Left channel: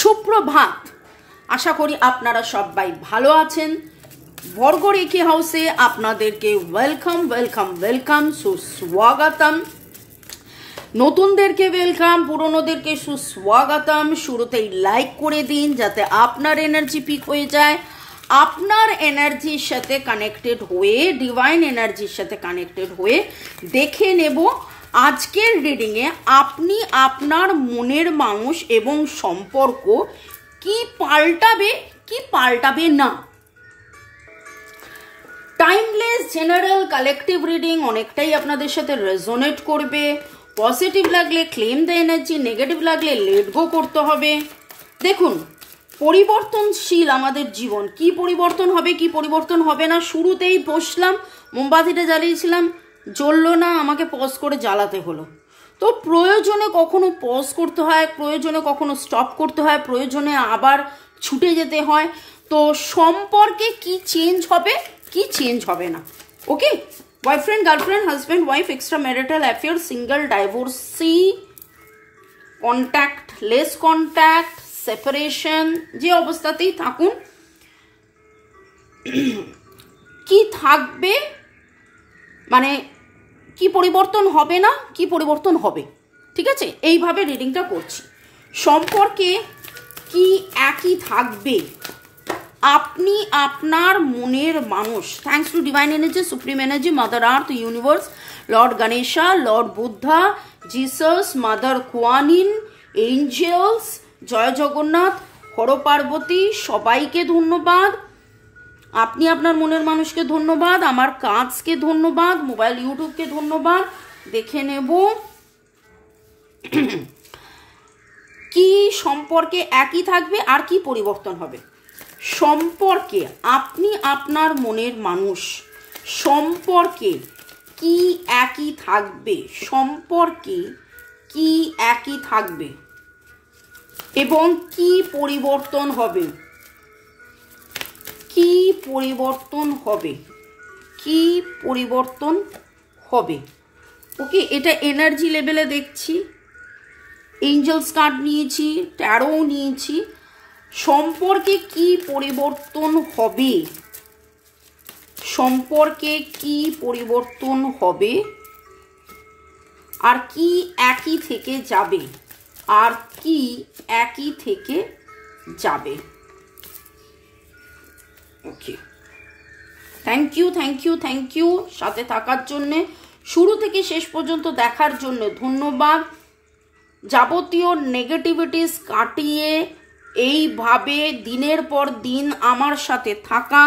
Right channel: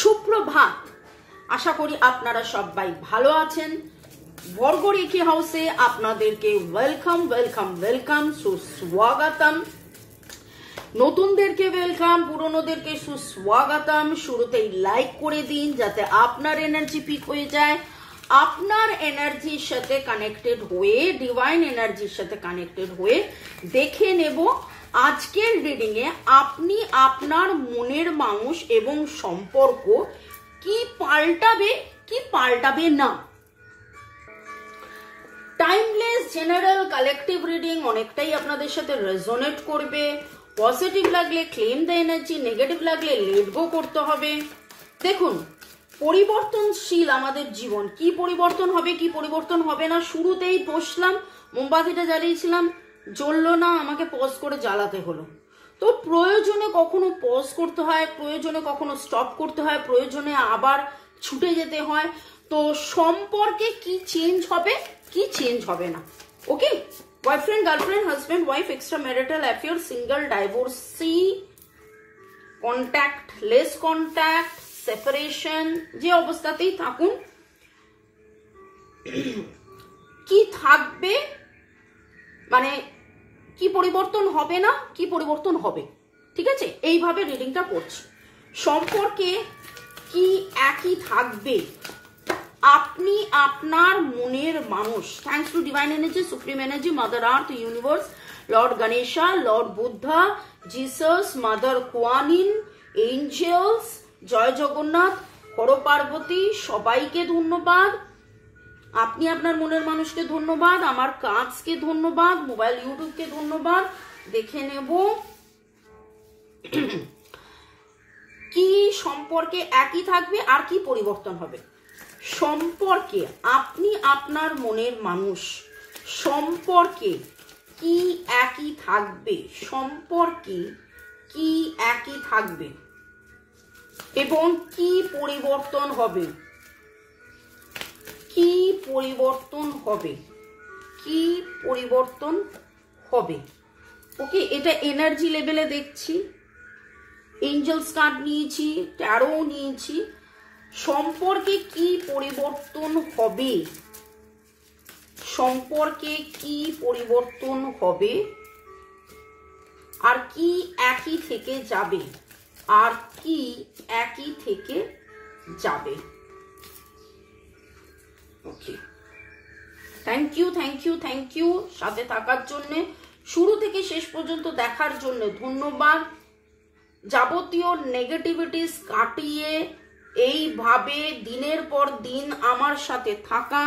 সুপ্রভাত। আশা করি আপনারা সবাই ভালো আছেন। বর্গরেখে হাউসে আপনাদেরকে ওয়েলকাম ওয়েলকাম ওয়েলকাম, সুস্বাগতম। নতুনদেরকে ওয়েলকাম, পুরনোদেরকে সুস্বাগতম। শুরুতেই লাইক করে দিন যাতে আপনার এনার্জি পিক হয়ে যায়। আপনার এনার্জির সাথে কানেক্টেড হয়ে, ডিভাইন এনার্জির সাথে কানেক্টেড হয়ে দেখে নেব আজকের রিডিংয়ে আপনি আপনার মনের মানুষ এবং সম্পর্ক কি পাল্টাবে কি পাল্টাবে না। টাইমলেস জেনারেল কালেকটিভ রিডিং অনেকটাই আপনাদের সাথে রেজোনেট করবে। পজিটিভ লাগলে ক্লেম দ্য এনার্জি, নেগেটিভ লাগলে লেট গো করতে হবে। দেখুন, পরিবর্তনশীল আমাদের জীবন। কি পরিবর্তন হবে কি পরিবর্তন হবে না, শুরুতেই বসলাম, মোমবাতিটা জ্বালিয়েছিলাম, জ্বললো না, আমাকে পজ করে জ্বালাতে হলো। তো প্রয়োজনে কখনো পজ করতে হয়, প্রয়োজনে কখনো স্টপ করতে হয়, প্রয়োজনে আবার ছুটে যেতে হয়। তো সম্পর্কে কি চেঞ্জ হবে কি চেঞ্জ হবে না। Okay, boyfriend, girlfriend, husband, wife, extra marital affair, single, divorcee, contact, less contact, separation, যে অবস্থাতেই থাকুন, কি থাকবে, মানে কি পরিবর্তন হবে না, কি পরিবর্তন হবে। ঠিক আছে, এইভাবে রিডিংটা করছি। সম্পর্কে কি একই থাকবে, আপনি আপনার মনের মানুষ। Thanks to divine energy, supreme energy, mother earth, universe, lord Ganesha, lord Buddha, Jesus, mother Kuanyin, angels, Jai Jagannath, Har Parvati, সবাইকে ধন্যবাদ। আপনি আপনার মনের মানুষকে ধন্যবাদ, আমার কাজকে ধন্যবাদ, মোবাইল ইউটিউবকে ধন্যবাদ। দেখে নেব কি সম্পর্কে একই থাকবে আর কি পরিবর্তন হবে। সম্পর্কে আপনি আপনার মনের মানুষ, সম্পর্কে কি একই থাকবে, সম্পর্কে কি একই থাকবে এবং কি পরিবর্তন হবে, কি পরিবর্তন হবে, কি পরিবর্তন হবে। ওকে, এটা এনার্জি লেভেলে দেখছি। এঞ্জেলস কার্ড নিয়েছি, ট্যারো নিয়েছি। সম্পর্কে কি পরিবর্তন হবে, সম্পর্কে কি পরিবর্তন হবে আর কি একই থেকে যাবে, আর কি একই থেকে যাবে। Okay, thank you thank you thank you সাথে থাকার জন্যে, শুরু থেকে শেষ পর্যন্ত দেখার জন্য ধন্যবাদ। যাবতীয় নেগেটিভিটিস কাটিয়ে এইভাবে দিনের পর দিন আমার সাথে থাকা,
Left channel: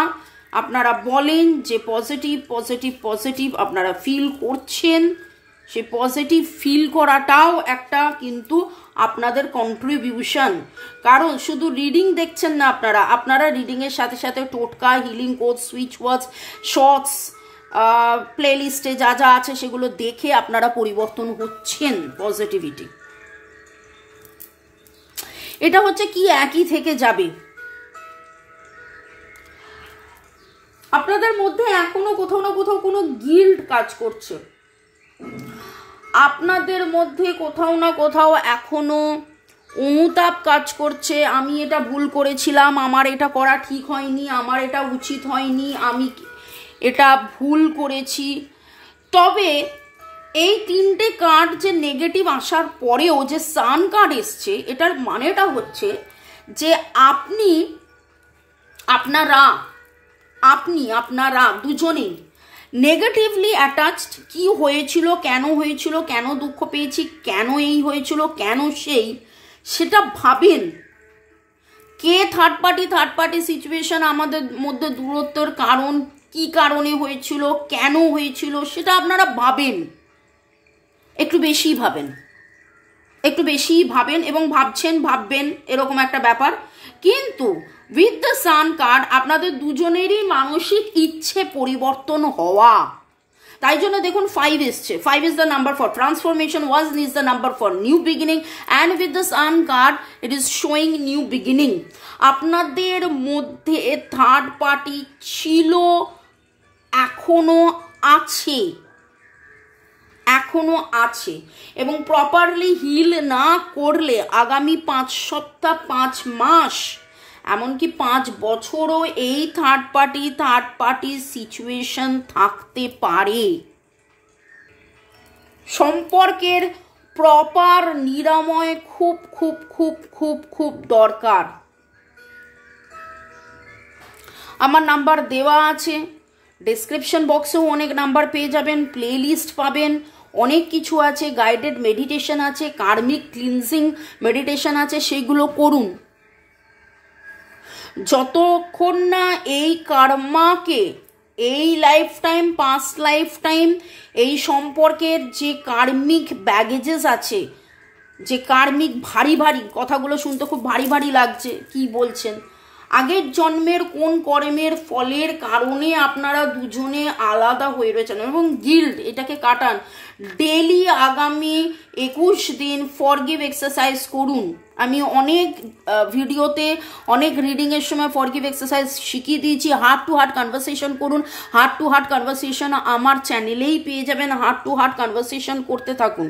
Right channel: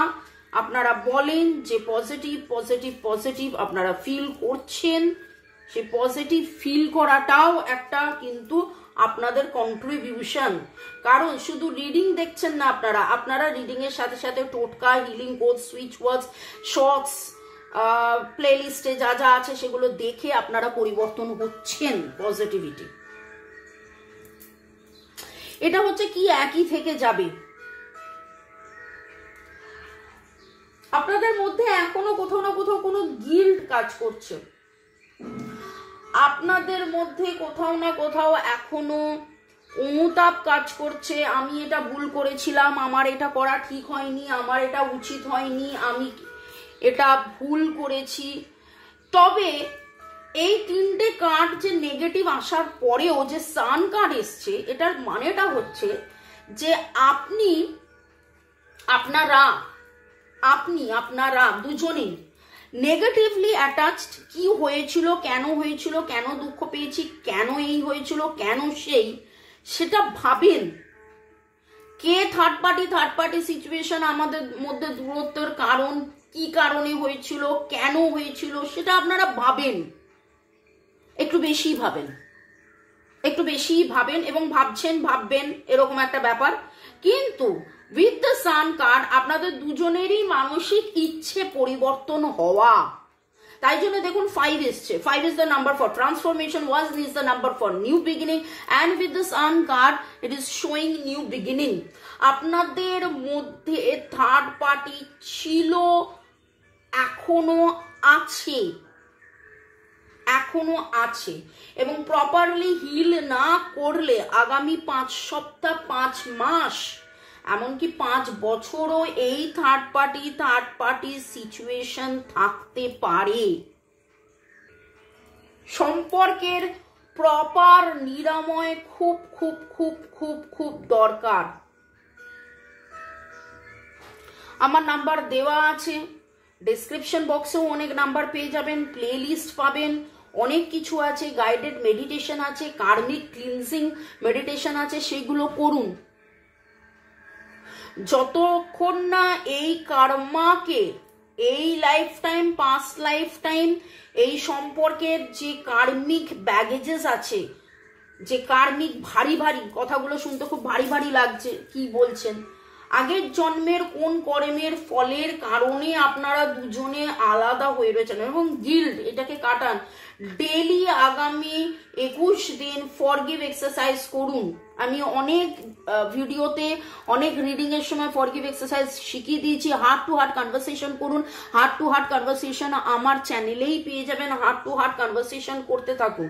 আপনারা বলেন যে পজিটিভ পজিটিভ পজিটিভ আপনারা ফিল করছেন। সে পজিটিভ ফিল করাটাও একটা কিন্তু আপনাদের কন্ট্রিবিউশন। কারণ শুধু রিডিং দেখছেন না আপনারা, আপনারা রিডিংয়ের সাথে সাথে টোটকা, হিলিং কোড, সুইচ ওয়ার্ডস, শর্টস, প্লেলিস্টে যা যা আছে সেগুলো দেখে আপনারা পরিবর্তন হচ্ছেন। পজিটিভিটি এটা হচ্ছে কি একই থেকে যাবে। আপনাদের মধ্যে এখনো কোথাও না কোথাও কোনো গিল্ট কাজ করছে, আপনাদের মধ্যে কোথাও না কোথাও এখনো অনুতাপ কাজ করছে। আমি এটা ভুল করেছিলাম, আমার এটা করা ঠিক হয়নি, আমার এটা উচিত হয়নি, আমি এটা ভুল করেছি। তবে এই তিনটে কার্ড যে নেগেটিভ আসার পরেও যে সান কার্ড এসছে, এটার মানেটা হচ্ছে যে আপনারা দুজনেই নেগেটিভলি অ্যাটাচড। কি হয়েছিল, কেন হয়েছিল, কেন দুঃখ পেয়েছি, কেন এই হয়েছিল, কেন সেই, সেটা ভাবেন। কে থার্ড পার্টি সিচুয়েশন আমাদের মধ্যে দূরত্বের কারণ, কি কারণে হয়েছিল, কেন হয়েছিল, সেটা আপনারা ভাবেন। একটু বেশি ভাবেন এবং ভাববেন এরকম একটা ব্যাপার। কিন্তু উইথ দ্য সান কার্ড আপনাদের দুজনেরই মানসিক ইচ্ছে পরিবর্তন হওয়া। তাই জন্য দেখুন 5 এসছে। 5 is the number for transformation, 1 is the number for new beginning, and with the sun card it is showing new beginning. আপনাদের মধ্যে থার্ড পার্টি ছিল, এখনো আছে, এখনো আছে, এবং প্রপারলি হিল না করলে আগামী 5 সপ্তাহ 5 মাস এমনকি 5 বছরও এই থার্ড পার্টি সিচুয়েশন থাকতে পারে। সম্পর্কের প্রপার নিরাময় খুব খুব খুব খুব খুব দরকার। আমার নাম্বার দেওয়া আছে, ডেসক্রিপশন বক্সেও অনেক নাম্বার পেয়ে যাবেন, প্লে লিস্ট পাবেন, অনেক কিছু আছে, গাইডেড মেডিটেশন আছে, কার্মিক ক্লিনজিং মেডিটেশন আছে, সেগুলো করুন। যতক্ষণ না এই কার্মাকে, এই life time, past life time, এই সম্পর্কের যে কার্মিক ব্যাগেজেস আছে, যে কার্মিক ভারী ভারী কথাগুলো শুনতে খুব ভারী ভারী লাগছে, কি বলছেন, আগের জন্মের কোন কর্মের ফলের কারণে আপনারা দুজনে আলাদা হয়ে রয়েছেন, এবং গিল্ড, এটাকে কাটান। ডেলি আগামী 21 দিন ফরগিভ এক্সারসাইজ করুন। আমি অনেক ভিডিওতে, অনেক রিডিংয়ের সময় ফরগিভ এক্সারসাইজ শিখিয়ে দিয়েছি। হার্ট টু হার্ট কনভারসেশন করুন। হার্ট টু হার্ট কনভারসেশন আমার চ্যানেলেই পেয়ে যাবেন। হার্ট টু হার্ট কনভারসেশন করতে থাকুন।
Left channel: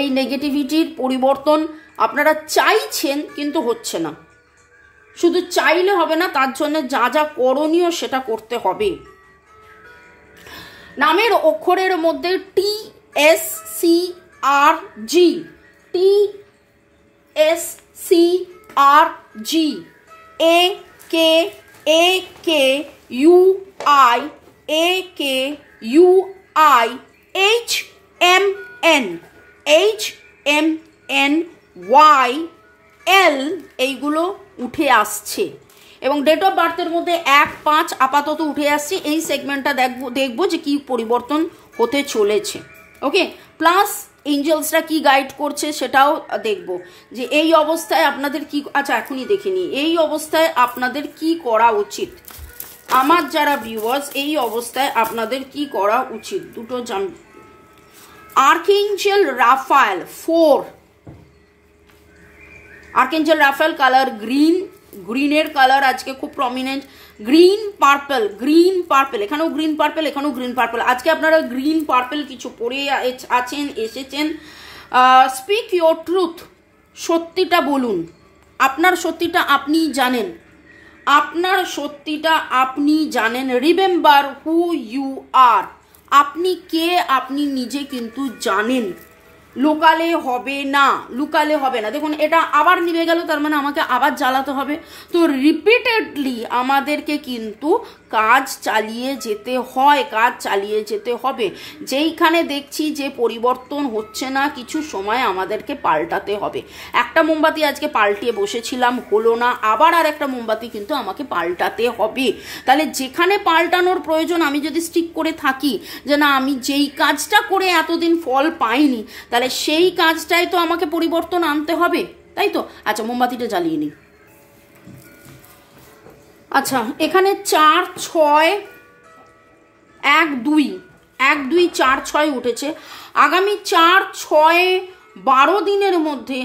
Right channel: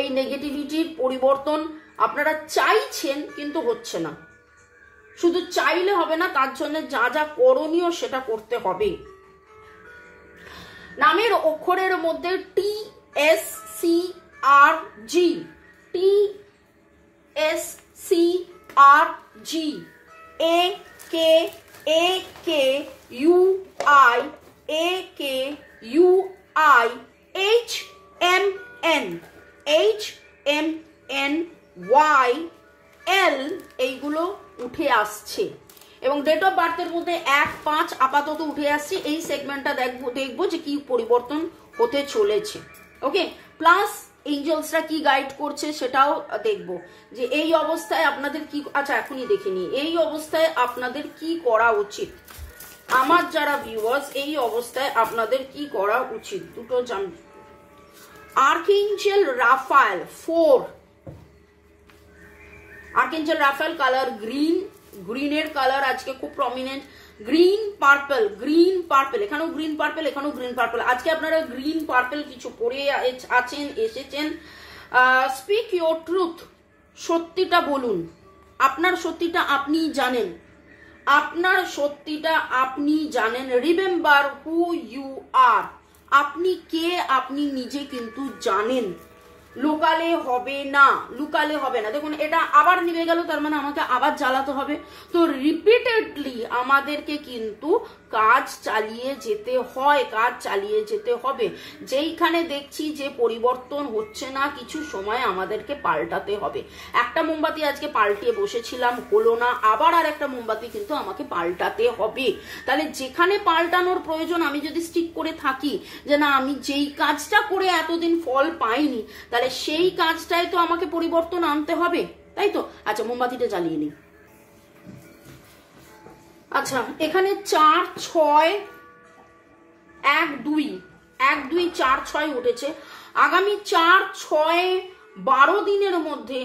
এই নেগেটিভিটির পরিবর্তন আপনারা চাইছেন কিন্তু হচ্ছে না। শুধু চাইলে হবে না, তার জন্য যা যা করণীয় সেটা করতে হবে। নামের অক্ষরের মধ্যে TSCRG, TSCRG, AKUI, HMN, HMNYL, এইগুলো উঠে আসছে, এবং ডেট অফ বার্থের মধ্যে 1-5 আপাতত উঠে আসছে। এই সেগমেন্টটা দেখবো যে কি পরিবর্তন হতে চলেছে। ওকে, প্লাস এঞ্জেলসরা কি গাইড করছে সেটাও দেখবো, যে এই অবস্থায় আপনাদের কি, আচ্ছা এখনই দেখিনি, এই অবস্থায় আপনাদের কি করা উচিত। আমার যারা ভিউয়ার্স, এই অবস্থায় আপনাদের কি করা উচিত, দুটো আর্কএঞ্জেল রাফায়েল 4, আর্কএঞ্জেল রাফায়েল কালার গ্রিন, গ্রিনের কালার আজকে খুব prominent, green purple, green purple, এখানেও গ্রিন পার্পল, এখানেও গ্রিন পার্পল। আজকে আপনারা গ্রিন পার্পল কিছু পরে আছেন, এসেছেন। স্পিক ইয়োর ট্রুথ, সত্যিটা বলুন। আপনার সত্যিটা আপনিই জানেন, আপনার সত্যিটা আপনি জানেন। রিমেম্বার হু ইউ আর, আপনি কে আপনি নিজে কিন্তু জানেন। লুকালে হবে না, লুকালে হবে না। দেখুন এটা আবার নিভে গেল, তার মানে আমাকে আবার জ্বালাতে হবে। তো রিপিটেডলি আমাদেরকে কিন্তু কাজ চালিয়ে যেতে হয়, কাজ চালিয়ে যেতে হবে। যেইখানে দেখছি যে পরিবর্তন হচ্ছে না, কিছু সময় আমাদেরকে পাল্টাতে হবে। একটা মোমবাতি আজকে পাল্টিয়ে বসেছিলাম, হলো না, আবার আর একটা মোমবাতি কিন্তু আমাকে পাল্টাতে হবে। তাহলে যেখানে পাল্টানোর প্রয়োজন, আমি যদি স্টিক করে থাকি যে না আমি যেই কাজটা করে এতদিন ফল পাইনি, তাহলে সেই কাজটাই তো আমাকে পরিবর্তন আনতে হবে, তাই তো। আচ্ছা মোমবাতিটা জ্বালিয়ে নিই। আচ্ছা এখানে 4, 6, 1, 2, 1, 2, 4, 6 উঠেছে। আগামী 4, 6, 12 দিনের মধ্যে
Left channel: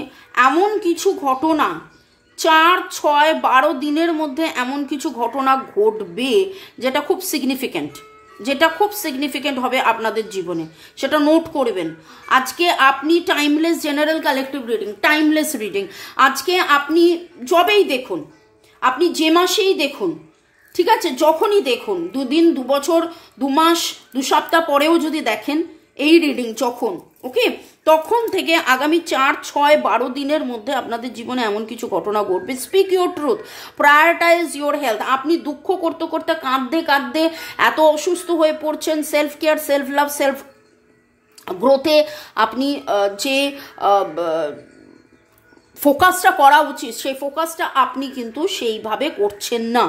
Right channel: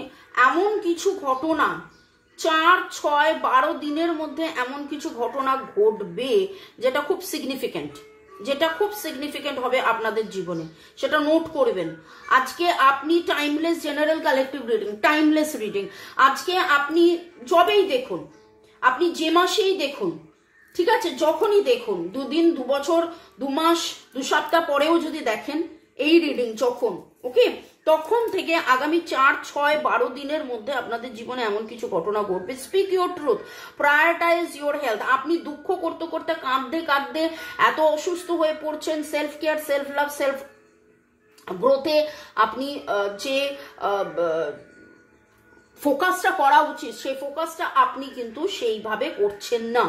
এমন কিছু ঘটনা, 4, 6, 12 দিনের মধ্যে এমন কিছু ঘটনা ঘটবে যেটা খুব সিগনিফিক্যান্ট, যেটা খুব সিগনিফিক্যান্ট হবে আপনাদের জীবনে, সেটা নোট করবেন। আজকে আপনি timeless general collective reading, timeless reading, আজকে আপনি যবেই দেখুন, আপনি যে মাসেই দেখুন, ঠিক আছে, যখনই দেখুন, 2 দিন, 2 বছর, 2 মাস, 2 সপ্তাহ পরেও যদি দেখেন এই রিডিং, যখন ওকে, তখন থেকে আগামী 4, 6, 12 দিনের মধ্যে আপনাদের জীবনে এমন কিছু ঘটনা ঘটবে। Speak your truth, prioritise your health. আপনি দুঃখ করতে করতে, কাঁদতে কাঁদতে এত অসুস্থ হয়ে পড়ছেন, self care, self love, self গ্রোথে আপনি যে ফোকাসটা করা উচিত, সেই ফোকাসটা আপনি কিন্তু সেইভাবে করছেন না।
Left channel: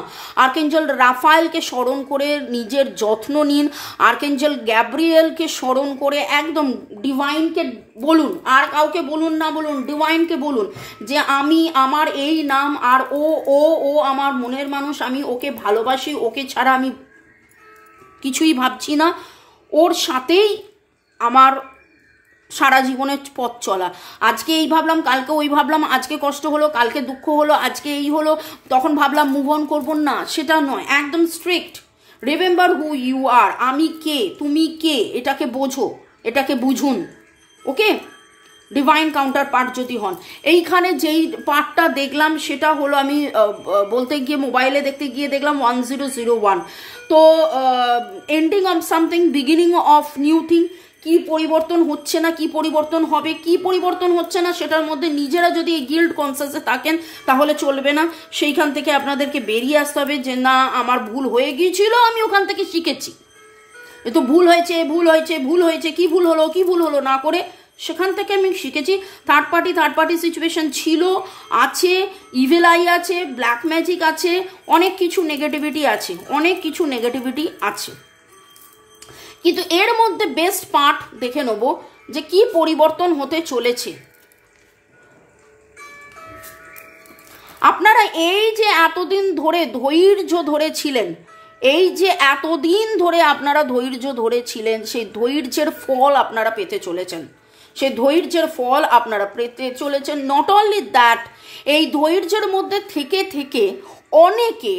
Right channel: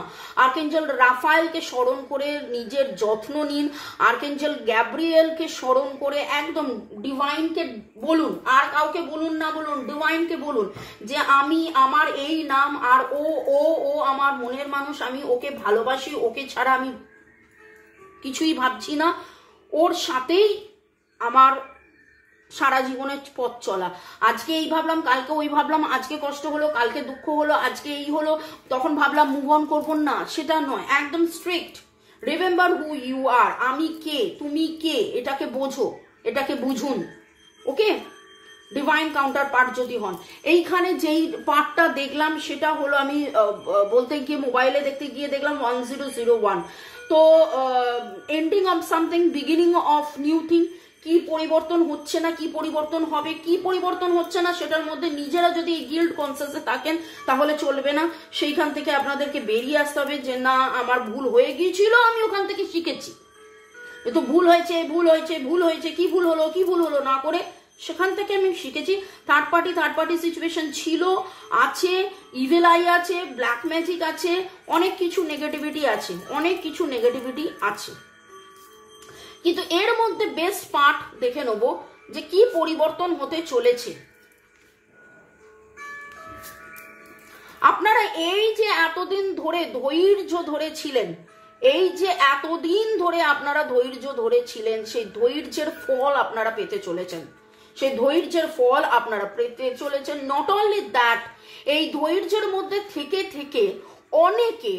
আর্কেঞ্জেল রাফায়েলকে স্মরণ করে নিজের যত্ন নিন। আর্কেঞ্জেল গ্যাব্রিয়েলকে স্মরণ করে একদম ডিভাইনকে বলুন, আর কাউকে বলুন না, বলুন ডিভাইনকে বলুন যে আমি, আমার এই নাম, আর ও ও ও আমার মনের মানুষ, আমি ওকে ভালোবাসি, ওকে ছাড়া আমি কিছুই ভাবছি না, ওর সাথেই আমার সারা জীবনের পথ চলা। আজকে এই ভাবলাম, কালকে ওই ভাবলাম, আজকে কষ্ট হলো, কালকে দুঃখ হলো, আজকে এই হলো, তখন ভাবলাম মুভ অন করবো না, সেটা নয়। একদম strict, remember who you are, আমি কে, তুমি কে, এটাকে বোঝো, এটাকে বুঝুন। ওকে, ডিভাইন কাউন্টার পার্ট যদি হন। এইখানে যেই পার্টটা দেখলাম সেটা হলো, আমি বলতে গিয়ে মোবাইলে দেখতে গিয়ে দেখলাম 1001। তো ending of something, beginning of new thing. কি পরিবর্তন হচ্ছে না, কি পরিবর্তন হবে, কি পরিবর্তন হচ্ছে না, সেটার মধ্যে নিজেরা যদি এই গিল্ড কনসিয়াসে থাকেন তাহলে চলবে না। সেইখান থেকে আপনাদেরকে বেরিয়ে আসতে হবে যে না, আমার ভুল হয়ে গিয়েছিল, আমি ওখান থেকে শিখেছি। তো ভুল হয়েছে, ভুল হয়েছে, ভুল হয়েছে, কি ভুল হলো, কি ভুল হলো না করে সেখান থেকে আমি শিখেছি। থার্ড পার্টি সিচুয়েশন ছিল, আছে, ইভিল আই আছে, ব্ল্যাক ম্যাজিক আছে, অনেক কিছু নেগেটিভিটি আছে, অনেক কিছু নেগেটিভিটি আছে। কিন্তু এর মধ্যে বেস্ট পার্ট দেখে নেব যে কি পরিবর্তন হতে চলেছে। আপনারা এই যে এতদিন ধরে ধৈর্য ধরেছিলেন, এই যে এতদিন ধরে আপনারা ধৈর্য ধরেছিলেন, সেই ধৈর্যের ফল আপনারা পেতে চলেছেন, সেই ধৈর্যের ফল আপনারা পেতে চলেছেন। নট অনলি দ্যাট, এই ধৈর্যের মধ্যে থেকে থেকে অনেকে,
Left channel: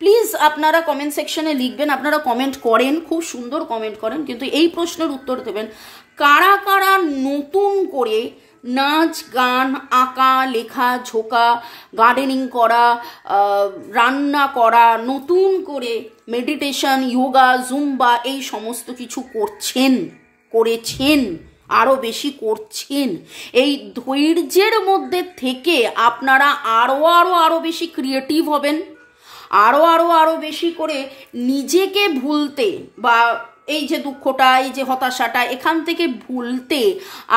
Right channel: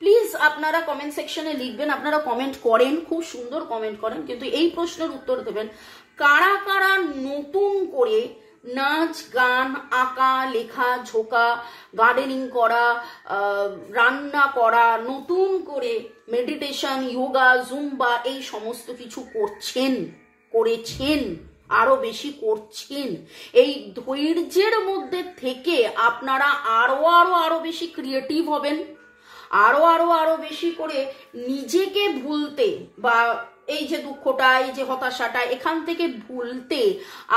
প্লিজ আপনারা কমেন্ট সেকশনে লিখবেন, আপনারা কমেন্ট করেন, খুব সুন্দর কমেন্ট করেন, কিন্তু এই প্রশ্নের উত্তর দেবেন, কারা কারা নতুন করে নাচ গান, আঁকা, লেখা, ঝোঁকা, গার্ডেনিং করা, রান্না করা, নতুন করে মেডিটেশন, যোগা, জুম্বা, এই সমস্ত কিছু করেছেন, আরো বেশি করছেন। এই ধৈর্যের মধ্যে থেকে আপনারা আরো বেশি ক্রিয়েটিভ হবেন, আরো বেশি করে নিজেকে ভুলতে, বা এই যে দুঃখটা, এই যে হতাশাটা, এখান থেকে ভুলতে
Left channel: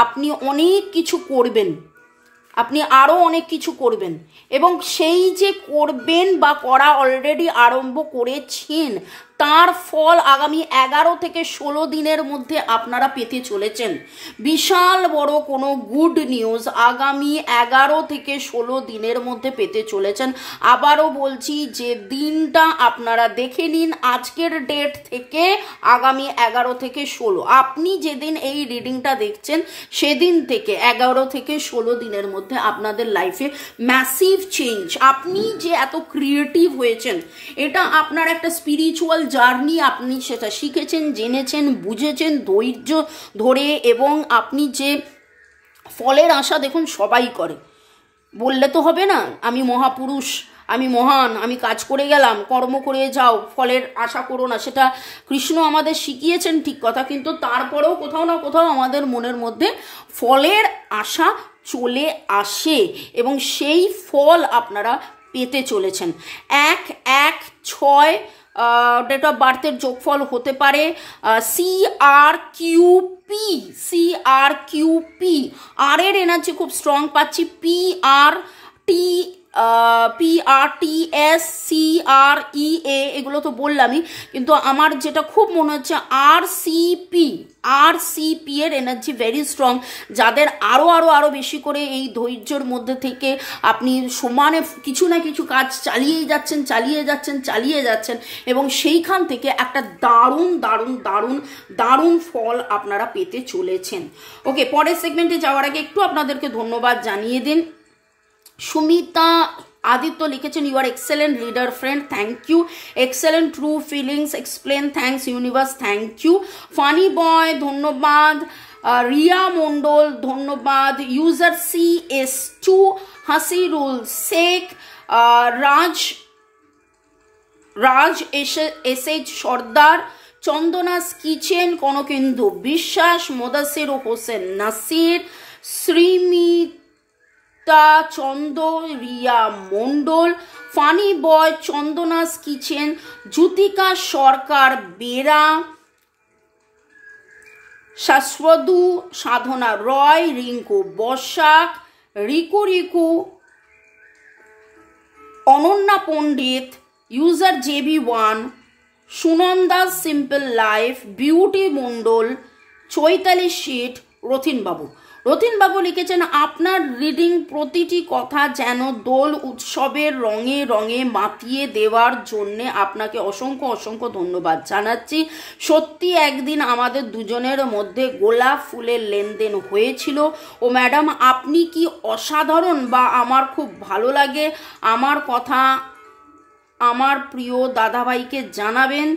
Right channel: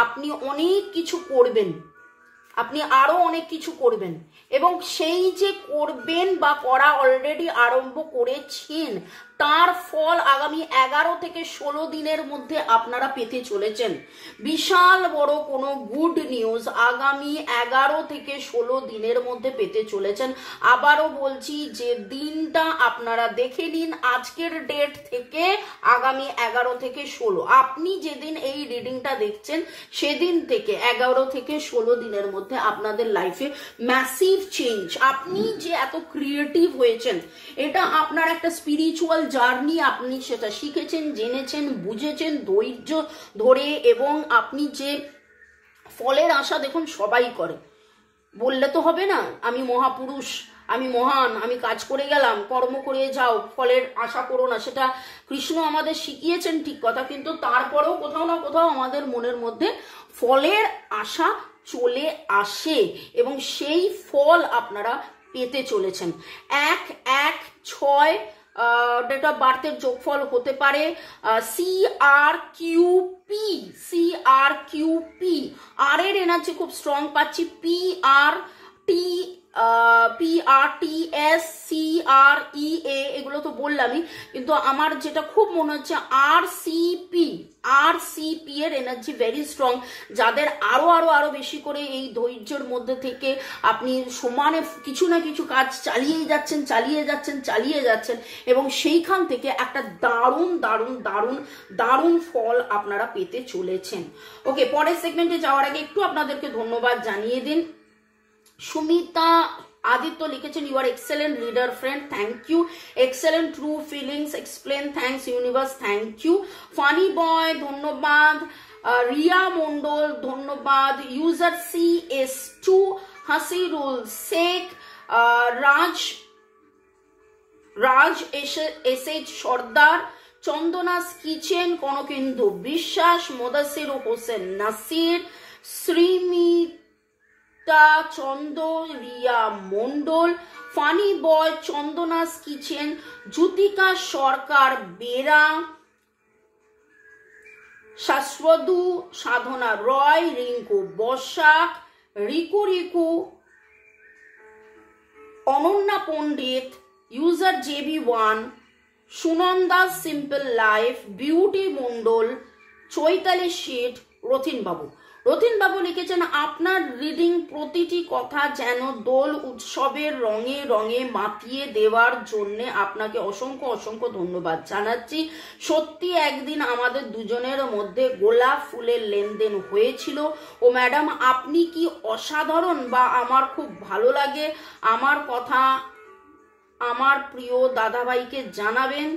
আপনি অনেক কিছু করবেন, আপনি আরো অনেক কিছু করবেন। এবং সেই যে করবেন বা করা অলরেডি আরম্ভ করেছেন, তার ফল আগামী 11 থেকে 16 দিনের মধ্যে আপনারা পেতে চলেছেন। বিশাল বড় কোনো গুড নিউজ আগামী 11 থেকে 16 দিনের মধ্যে পেতে চলেছেন। আবারও বলছি যে দিনটা আপনারা দেখে নিন, আজকের ডেট থেকে আগামী 11 থেকে 16, আপনি যেদিন এই রিডিংটা দেখছেন সেদিন থেকে 11 থেকে 16 দিনের মধ্যে আপনাদের লাইফে ম্যাসিভ চেঞ্জ। আপনি যে এত ক্রিয়েটিভ হয়েছেন, এটা আপনার একটা স্পিরিচুয়াল জার্নি, আপনি সেটা শিখেছেন, জেনেছেন, বুঝেছেন ধৈর্য ধরে। এবং আপনি যে ফলের আশা দেখুন সবাই করে, বললে তো হবে না আমি মহাপুরুষ, আমি মহান, আমি কাজ করে গেলাম, কর্ম করে যাও, ফলের আশা করো না। সেটা কৃষ্ণ আমাদের শিখিয়েছেন ঠিক কথা, কিন্তু তারপরেও কোথাও না কোথাও আমাদের মনের মধ্যে ফলের আশা চলে আসে, এবং সেই ফল আপনারা পেতে চলেছেন। 1-1-6 ডেট অফ বার্থের যোগফল হতে পারে CRQP। আর এর এনার্জি খুব স্ট্রং পাচ্ছি, PRTS CREA, এগুলো তো বললামই, কিন্তু আমার যেটা খুব মনে হচ্ছে RCP এর এনার্জি ভেরি স্ট্রং। যাদের আরো বেশি করে এই ধৈর্যের মধ্যে থেকে আপনি সমানে কিছু না কিছু কাজ চালিয়ে যাচ্ছেন এবং সেইখান থেকে একটা দারুণ ফল আপনারা পেতে চলেছেন। ওকে, পরের সেগমেন্টে যাওয়ার আগে একটু আপনাদেরকে ধন্যবাদ জানিয়ে দিন। সুমিতা আদিত্য লিখেছেন, you are excellent reader friend, thank you. Excellent true feelings explain, thanks universe, thank you. Funny boy ধন্যবাদ। রিয়া মন্ডল ধন্যবাদ। User CS2 Hasirul Sheikh, Raj SH Sardar, Chandana's kitchen, Kanakendu Biswas, Modasir Hossain Nasir, Srimita Chanda, Riya Mondal, funny boy, Chandana's kitchen, Jyotika Sarkar Bera, শাশ্বদু, Sadhana Roy, Rinku Basak, Riku, Ananya Pandit, user JB1, Sunanda simple life, beauty Mondal, Chaitali Sheth, Rathin Babu লিখেছেন, আপনার রিডিং প্রতিটি কথা যেন দোল উৎসবের রঙে রঙে মাতিয়ে দেওয়ার জন্য আপনাকে অসংখ্য ধন্যবাদ জানাচ্ছি। সত্যি একদিন আমাদের দুজনের মধ্যে গোলাপ ফুলের লেনদেন হয়েছিল। ও ম্যাডাম, আপনি কি অসাধারণ, বা আমার খুব ভালো লাগে। আমার কথা আমার প্রিয় দাদাভাইকে জানাবেন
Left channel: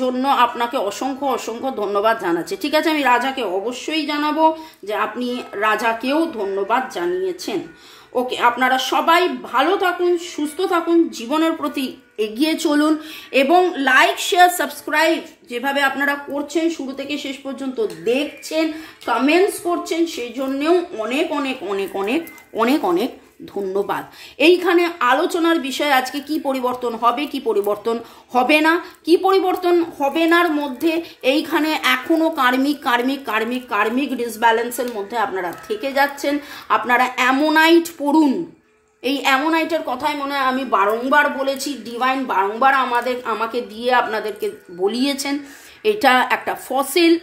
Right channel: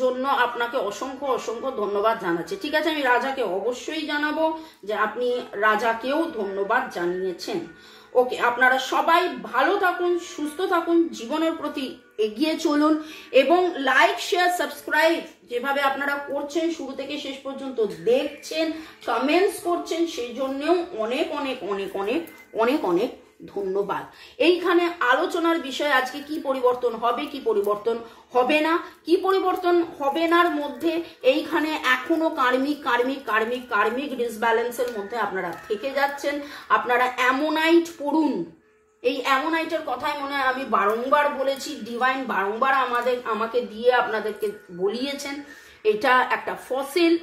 জন্য আপনাকে অসংখ্য অসংখ্য ধন্যবাদ জানাচ্ছি। ঠিক আছে, আমি রাজাকে অবশ্যই জানাবো যে আপনি রাজাকেও ধন্যবাদ জানিয়েছেন। ওকে, আপনারা সবাই ভালো থাকুন, সুস্থ থাকুন, জীবনের প্রতি এগিয়ে চলুন এবং লাইক শেয়ার সাবস্ক্রাইব যেভাবে আপনারা করছেন, শুরু থেকে শেষ পর্যন্ত দেখছেন, কমেন্টস করছেন, সেই জন্যেও অনেক অনেক অনেক অনেক অনেক অনেক ধন্যবাদ। এইখানে আলোচনার বিষয় আজকে কি পরিবর্তন হবে, কি পরিবর্তন হবে না, কি পরিবর্তন হবে নার মধ্যে এইখানে এখনো কার্মিক কার্মিক কার্মিক কার্মিক ডিসব্যালেন্সের মধ্যে আপনারা থেকে যাচ্ছেন। আপনারা অ্যামোনাইট পড়ুন। এই অ্যামোনাইটের কথাই মনে হয় আমি বারংবার বলেছি, ডিভাইন বারংবার আমাকে দিয়ে আপনাদেরকে বলিয়েছেন। এটা একটা ফসিল,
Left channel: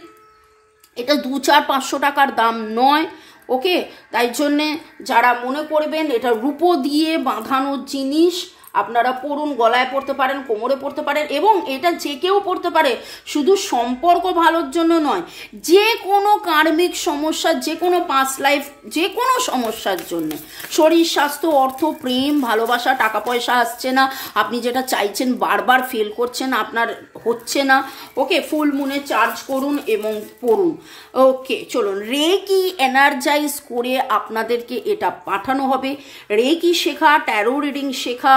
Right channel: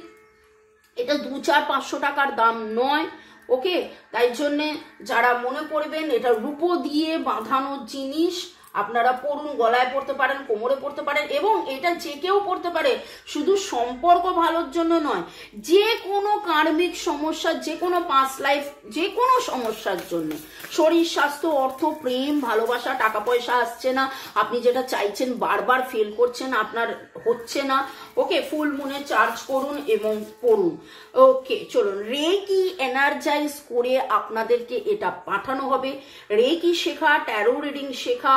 এটা 200-500 টাকার দাম নয়। ওকে, তাই জন্যে যারা মনে করবেন এটা রূপো দিয়ে বাঁধানো জিনিস, আপনারা পড়ুন। গলায় পড়তে পারেন, কোমরে পড়তে পারেন, এবং এটা যে কেউ পড়তে পারে। শুধু সম্পর্ক ভালোর জন্য নয়, যে কোনো কার্মিক সমস্যা, যে কোনো পাস্ট লাইফ, যে কোনো সমস্যার জন্য, শরীর স্বাস্থ্য, অর্থ, প্রেম, ভালোবাসা, টাকা পয়সা আসছে না, আপনি যেটা চাইছেন বারবার ফেল করছেন, আপনার হচ্ছে না। ওকে, ফুল মুনে চার্জ করুন এবং পড়ুন। ওকে, চলুন, রেকি এনার্জাইজ করে আপনাদেরকে এটা পাঠানো হবে। রেকি শেখা, ট্যারো রিডিং শেখা,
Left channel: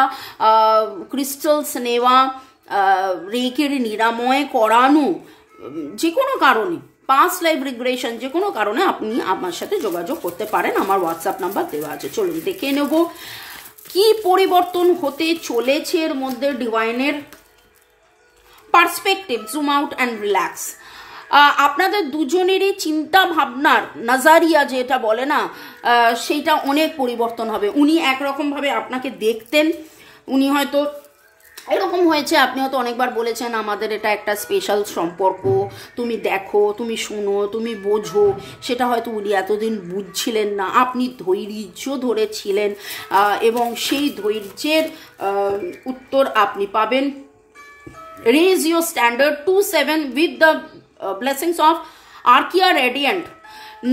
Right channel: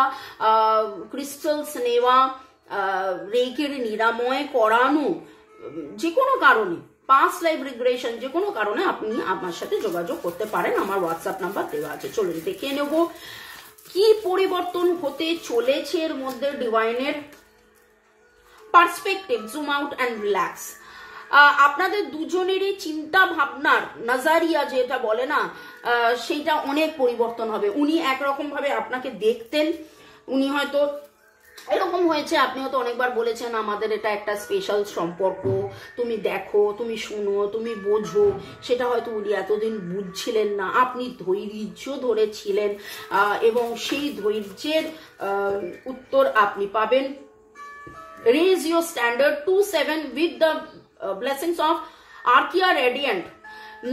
ক্রিস্টালস নেওয়া, রেকের নিরাময় করানো, যে কোনো কারণে, পাস্ট লাইফ রিগ্রেশন, যে কোনো কারণে আপনি আমার সাথে যোগাযোগ করতে পারেন। আমার হোয়াটসঅ্যাপ নাম্বার দেওয়া আছে। চলুন দেখে নেব কি পরিবর্তন হতে চলেছে এর মধ্যে। ডিভাইনের perspective, zoom out and relax. আপনাদের দুজনেরই চিন্তা ভাবনার নাজারিয়া যেটা বলে না, সেইটা অনেক পরিবর্তন হবে। উনি একরকমভাবে আপনাকে দেখতেন, উনি হয়তো এরকম হয়েছে, আপনি হয়তো অনেকবার বলেছেন আমাদের এটা একটা স্পেশাল সম্পর্ক, তুমি দেখো, তুমি শুনো, তুমি বোঝো। সেটা হয়তো উনি এতদিন বুঝছিলেন না, আপনি ধৈর্য ধরেছিলেন এবং সেই ধৈর্যের উত্তর আপনি পাবেন। Raise your standard 2-7 with the blessings of Arkia Radiant।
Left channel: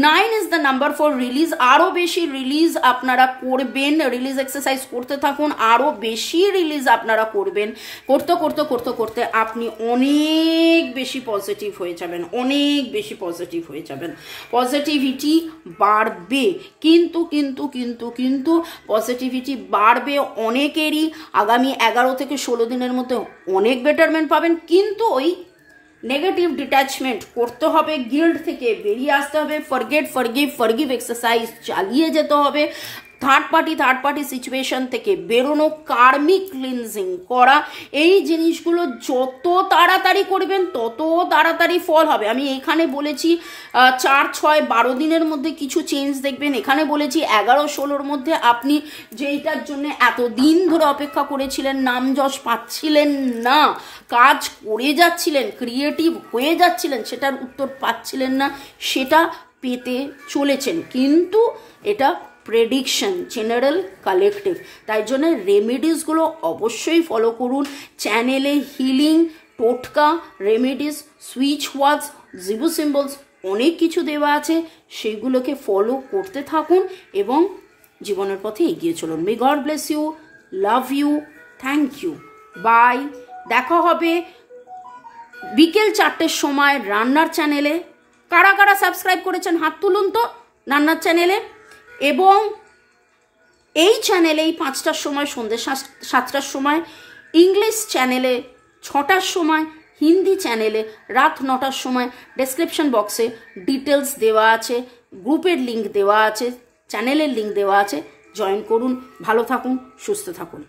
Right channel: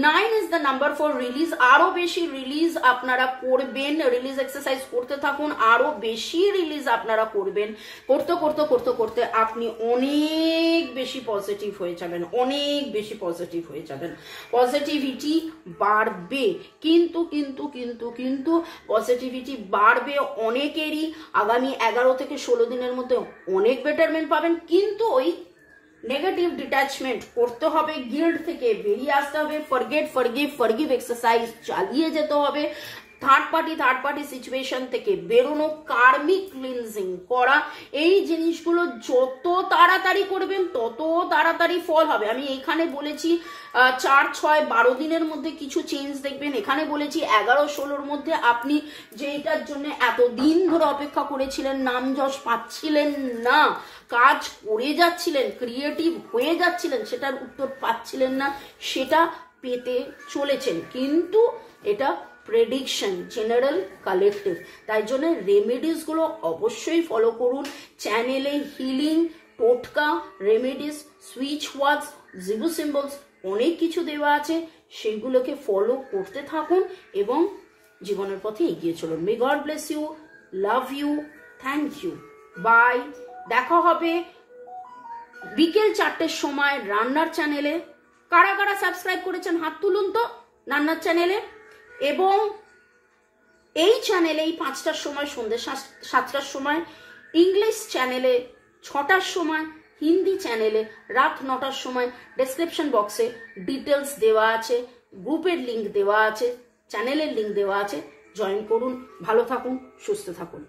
9 is the number for release। আরো বেশি রিলিজ আপনারা করবেন, রিলিজ এক্সারসাইজ করতে থাকুন, আরো বেশি রিলিজ আপনারা করবেন। করতে করতে করতে করতে আপনি অনেক বেশি পজিটিভ হয়ে যাবেন, অনেক বেশি পজিটিভ হয়ে যাবেন। পজিটিভিটি বাড়বে, কিন্তু কিন্তু কিন্তু কিন্তু পজিটিভিটি বাড়বে অনেকেরই। আগামী 11 থেকে 16 দিনের মধ্যে অনেক বেটারমেন্ট পাবেন, কিন্তু ওই নেগেটিভ ডিট্যাচমেন্ট করতে হবে, গিল্ড থেকে বেরিয়ে আসতে হবে, ফরগেট ফরগিভ ফরগিভ এক্সারসাইজ চালিয়ে যেতে হবে, থার্ড পার্টি সিচুয়েশন থেকে বেরোনো, কার্মিক ক্লিনজিং করা, এই জিনিসগুলো যত তাড়াতাড়ি করবেন তত তাড়াতাড়ি ফল হবে। আমি এখানে বলেছি 4-6-12 দিনের মধ্যে কিছু চেঞ্জ দেখবেন। এখানে বলেছি 11-16-র মধ্যে আপনি যেইটার জন্য এতদিন ধরে অপেক্ষা করেছিলেন, নাম যশ পাচ্ছিলেন না, কাজ করে যাচ্ছিলেন, ক্রিয়েটিভ হয়ে যাচ্ছিলেন, সেটার উত্তর পাচ্ছিলেন না, সেটা পেতে চলেছেন। কিন্তু এটা প্রেডিকশন, জেনারেল, কালেকটিভ। তাই জন্য রেমেডিসগুলো অবশ্যই ফলো করুন। চ্যানেলে হিলিং, টোটকা, রেমেডিস, সুইচ ওয়ার্ডস, জিবু সিম্বলস অনেক কিছু দেওয়া আছে, সেগুলোকে ফলো করতে থাকুন এবং জীবনের পথে এগিয়ে চলুন। May God bless you, love you, thank you, bye. দেখা হবে বিকেল 4টের সময় রান্নার চ্যানেলে। কারা কারা সাবস্ক্রাইব করেছেন হাত তুলুন তো রান্নার চ্যানেলে। এবং এই চ্যানেলেই 5টার সময়, সন্ধ্যে 7টার সময়, ইংলিশ চ্যানেলে 6টার সময়, হিন্দি চ্যানেলে রাত 9টার সময়। ডেসক্রিপশন বক্সে ডিটেলস দেওয়া আছে, গ্রুপের লিঙ্ক দেওয়া আছে, চ্যানেলের লিঙ্ক দেওয়া আছে, জয়েন করুন। ভালো থাকুন, সুস্থ থাকুন।